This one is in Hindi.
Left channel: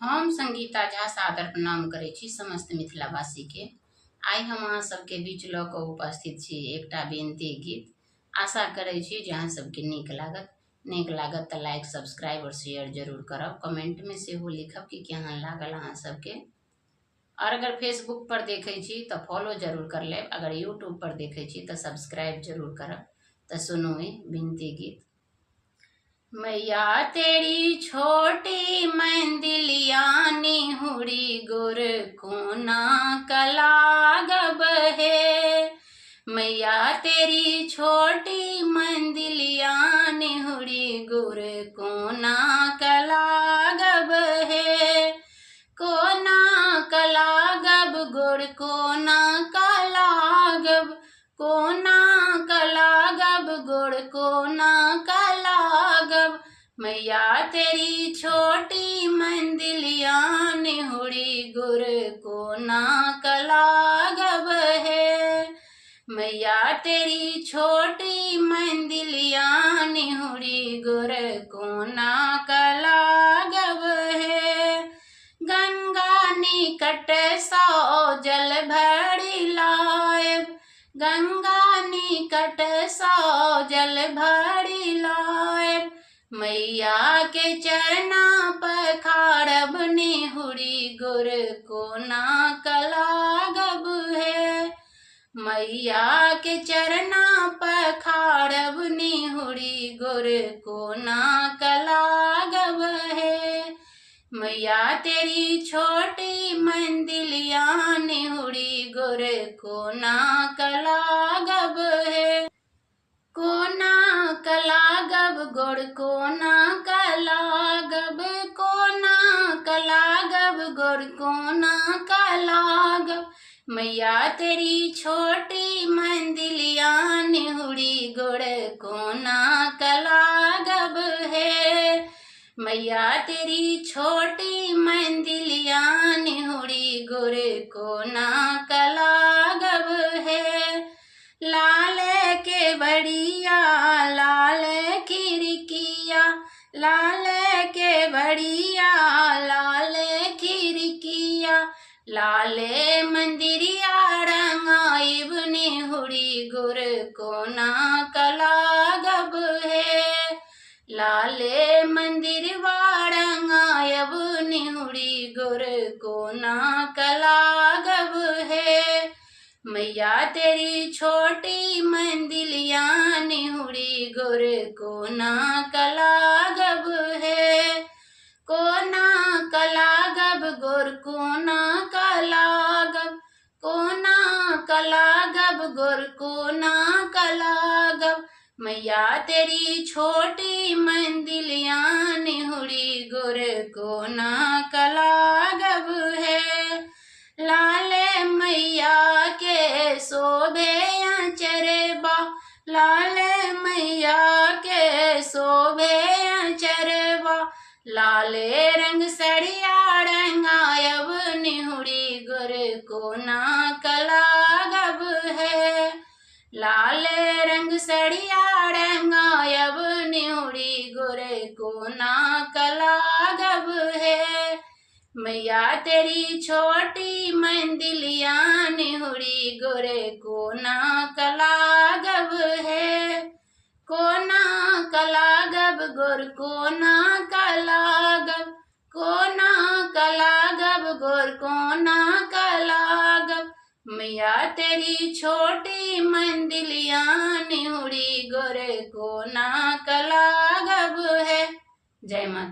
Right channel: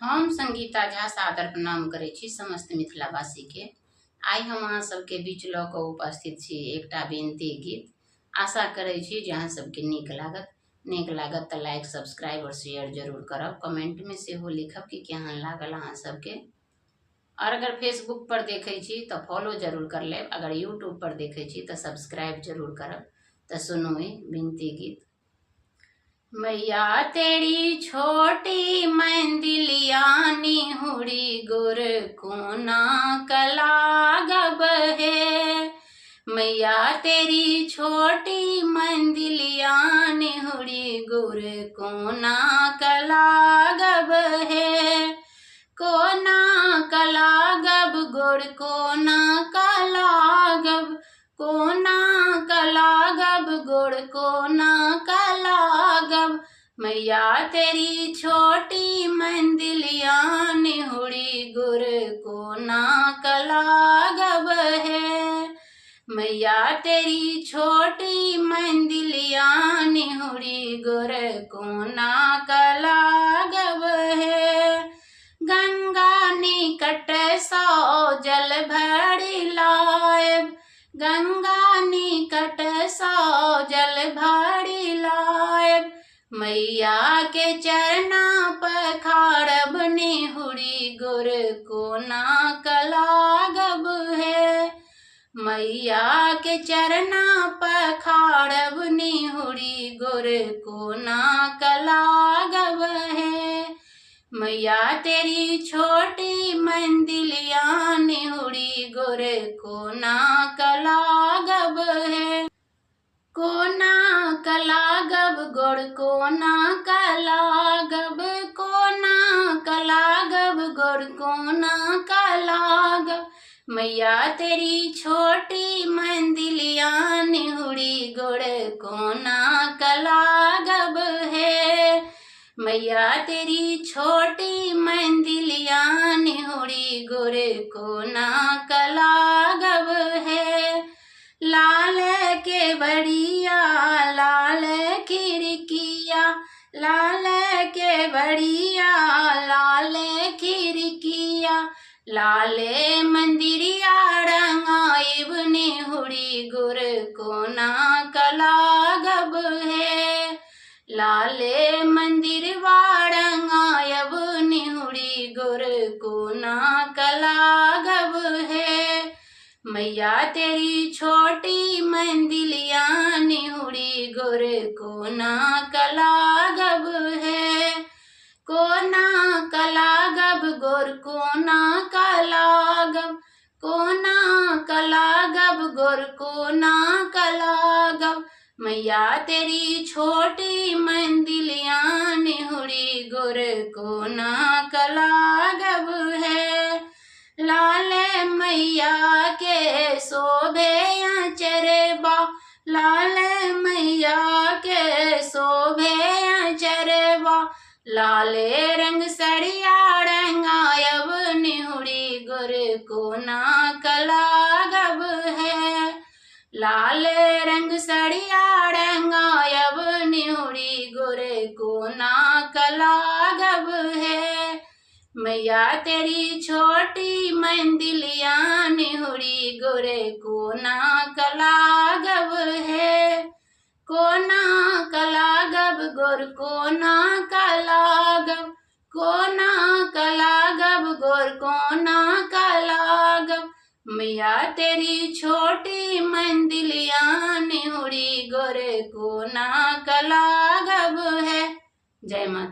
हम संगीता झा सादर प्रणाम करै छी समस्त मिथिलावासी के। आइ हम अहाँ सबके बीच लऽ कऽ उपस्थित छी एकटा बेनती गीत। आशा करै छी जे अहाँ सबके नीक लागत तऽ लाइक सब्सक्राइब और शेयर जरूर करब। कमेंट में सेहो लिखब कि केहन लागल अहाँ सबके। और अगर फेसबुक पर देखै छी तऽ फॉलो जरूर कर लेब। अगर यूट्यूब पर देखै छी तऽ सब्सक्राइब जरूर करब। तो सुनो ये बिनती गीत। मैया तेरी छोटी मंदिलिया निहुरी गुर कोना कलागब है। मैया तेरी छोटी मंदिलिया निहुरी गुर कोना कलागब है। कोना कलागब गुर कोना कलागब, कोना कलागब गुड़ कोना कलागब। मैया तेरी छोटी मंदिलिया निहुरी गुड़ कोना कलागब है। मैया तेरी छोटी मंदिलिया निहुरी गुड़ कोना कलागब है। गंगा निकट सौ जल भरी लायब, गंगा निकट सौ जल भरी लायब। मैया के चरना पखारब निहुरी गुर कोना कलागब है। मैया के चरना पखारब निहुरी गुर कोना कलागब है। मैया तेरी छोटी मंदिलिया निहुरी गुर कोना कलागब है। कोना कलागब गुड़ कोना कलागब, कोना कलागब गुड़ कोना कलागब। मैया तेरी छोटी मंदिलिया निहुरी गुड़ कोना कलागब है। मैया तेरी छोटी मंदिलिया निहुरी गुर कोना कलागब है। लाल के बड़िया लाल खिड़किया, लाल के बड़िया लाल खिड़किया। लाले मंदिरिया रंगाइब निहुरी गुर कोना कलागब है। लाले मंदिरवा रंगायब निहुरी गुर कोना कलागब है। मैया तेरी छोटी मंदिलिया निहुरी गुर कोना कलागब है। कोना कलागब गुर कोना कलागब, कोना कलागब गुर कोना कलागब। मैया तेरी छोटी मंदिलिया निहुरी गुर कोना कलागब है। लाले मैया के शोभे अचरबा, लाले मैया के शोभे अचरबा। लाले रंग सड़िया रंगायब निहुरी गुर कोना कलागब है। लाले रंग सड़िया रंगायब निहुरी गुर कोना कलागब है। मैया तेरी छोटी मंदिलिया निहुरी गुर कोना कलागब है। कोना कलागब गुर कोना कलागब, कोना कलागब गुर कोना कलागब। मैया तेरी छोटी मंदिलिया निहुरी गुर कोना कलागब है। जय माता।